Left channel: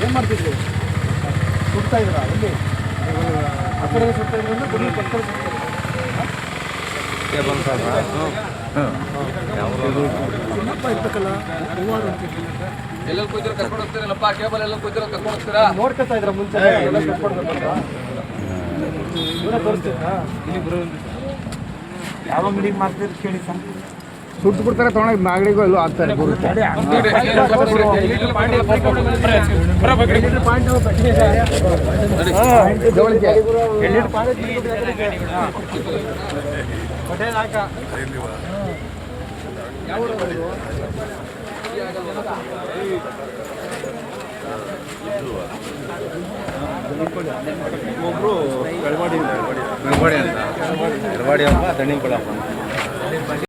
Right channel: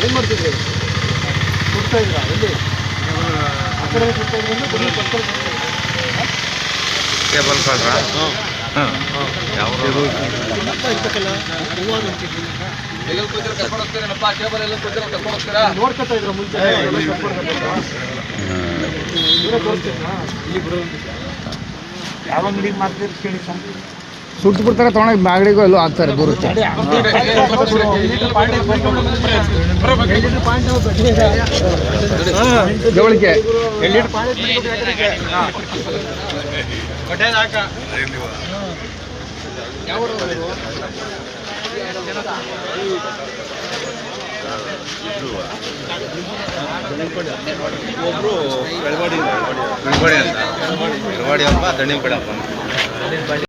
ಏನು ಮಾಡ್ತಿದ್ರು ಸುಡ್ತಾ ಇದ್ರ ಅಲ್ಲಿ ಆ ಕಡೆ ಸುಡ್ತಾ ಇದ್ರು ಕೇಬಲ್ ಕಾಡ್ರಾ ಯಾವ ಇರ್ತಕ್ಕಲ್ಲ ಎಲ್ಲ ಕರ್ಕೊಂಡು ಹೋಗ್ತೀರಪ್ಪ ಕೇಬಲ್ ಎಲ್ಲ ಕರ್ಕೊಂಡು ಹೋಗ್ತೀರಾ ನೋಡ್ಕೊತಾ ಇದ್ರ ಮುಂಚೆ ತೋರಿಸ್ತೀರಾ ಯಾವ ಅಂಗಡಿ ಮಾರ್ತೀರಿ ಕೇಳಿ ಸುಟ್ಟು ಬಿಡ್ತಾರೆ ತೊಗೊಂಡೋಗಿ ಮಾಗಡಿಗೂ ಎಲ್ಲೂ ಆಗ್ತಾರೆ ಬರುತ್ತೆ ಜವಳಿಕೆ ಒಬ್ರು ಬೆಳವಾಡಿ ಅಂತ ಬೆಳವಾಡಿ ಅಪ್ಪ ದಣ್ಣಿ ಕೊಡಪ್ಪ